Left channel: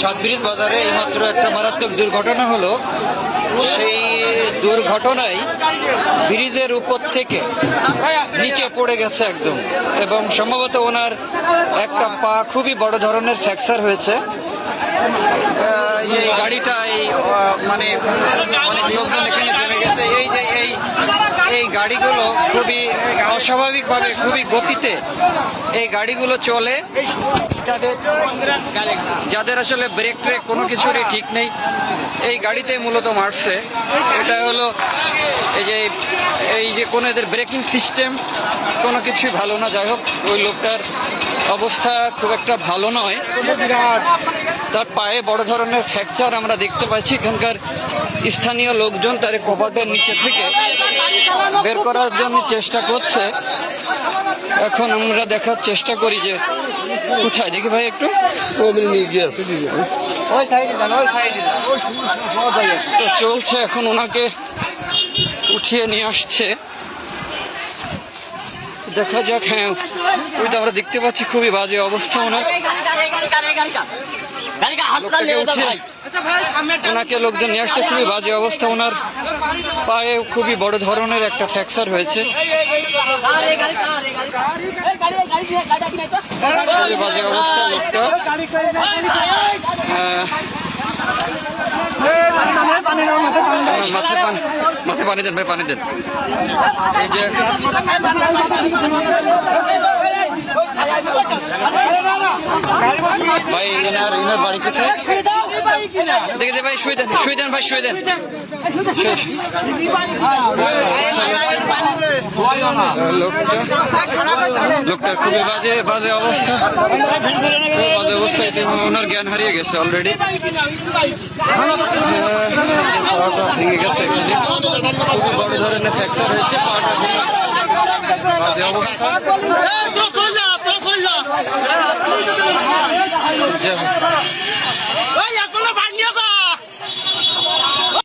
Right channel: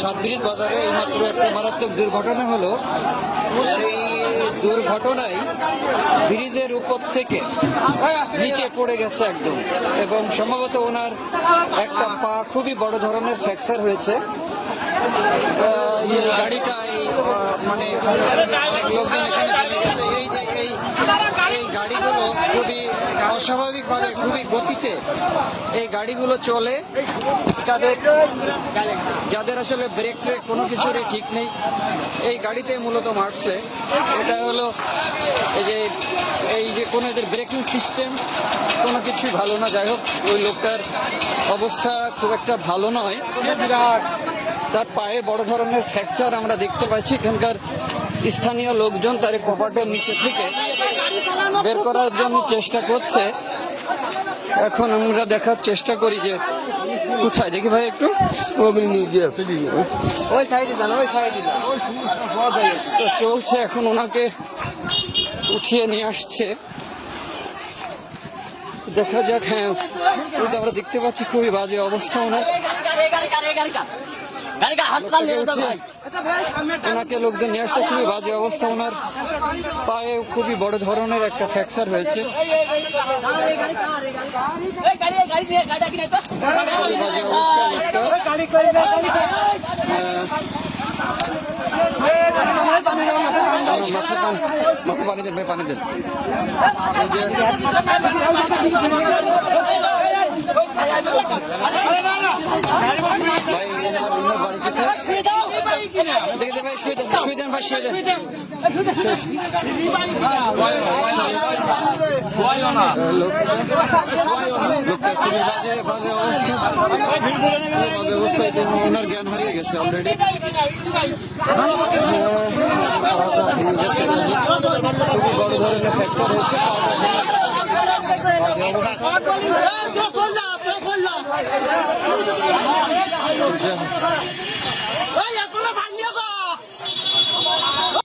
সাতব্রিজ বাজারে এইমাত্র একটা মারাত্মক দুর্ঘটনা হলো। সেই দুর্ঘটনায় ব্রিজের উপর থেকে নিচে পড়ে গেছে একদম, এবং সম্ভবত ওনার একটা পা খুবই বড় ধরনের ফ্র্যাকচার হয়েছে। এই গাড়িটা মানে অনেক লোকজন এখানে জমে গেছে। এই যে এই গাড়িগুলো খুবই অস্বাভাবিকভাবে খুবই গতিতে এই গাড়িগুলো চলে, যাদের আসলে ব্রেক ট্রেক কোনো কিছুরই ঠিক নেই, এই গাড়িতে মূলত মারছে। এটা হলো এই যে কোনো এদের ব্রেকিং সিস্টেম কোনো কিছুই ভালো না। যাই হোক, ওই লোকটার অবস্থা খুব একটা ভালো নয়, তার পায়ে বড় ধরনের ফ্র্যাকচার আমরা দেখতে পাচ্ছি। এখানকার স্থানীয় লোকজন তার কপাটের নিচে থেকে বের করার জন্য চেষ্টা করছে। এখন আমরা দেখার চেষ্টা করি যে কোথায়, দেখি ভাই একটু তো চলছে। এখন ওনাকে উঠিয়ে নিয়ে আসছে, দেখা যাক। হ্যাঁ, ওই তো আমরা দেখতে পাচ্ছি খুবই বাজে অবস্থা ওনার। ওনাকে লোকজন নিয়ে আসছে, খুবই বাজে অবস্থা ওনার। পায়ে খুবই বড় ধরনের একটা ফ্র্যাকচার হয়েছে, খুবই বাজে অবস্থা লোকটা। মাথায় পানি দেন ভাই, পানি দেন। এই যে ভাই এনার বাড়ি কোথায় দেখে ভাই, শুয়ে দেন ভাই, শুয়ে দেন। লোকটার খুবই বাজে অবস্থা, ওনার জ্ঞান হারিয়ে গেছে অলরেডি। ভেঙে গেছে, খুবই বড় ধরনের ফ্র্যাকচার হয়েছে, বাজে অবস্থা।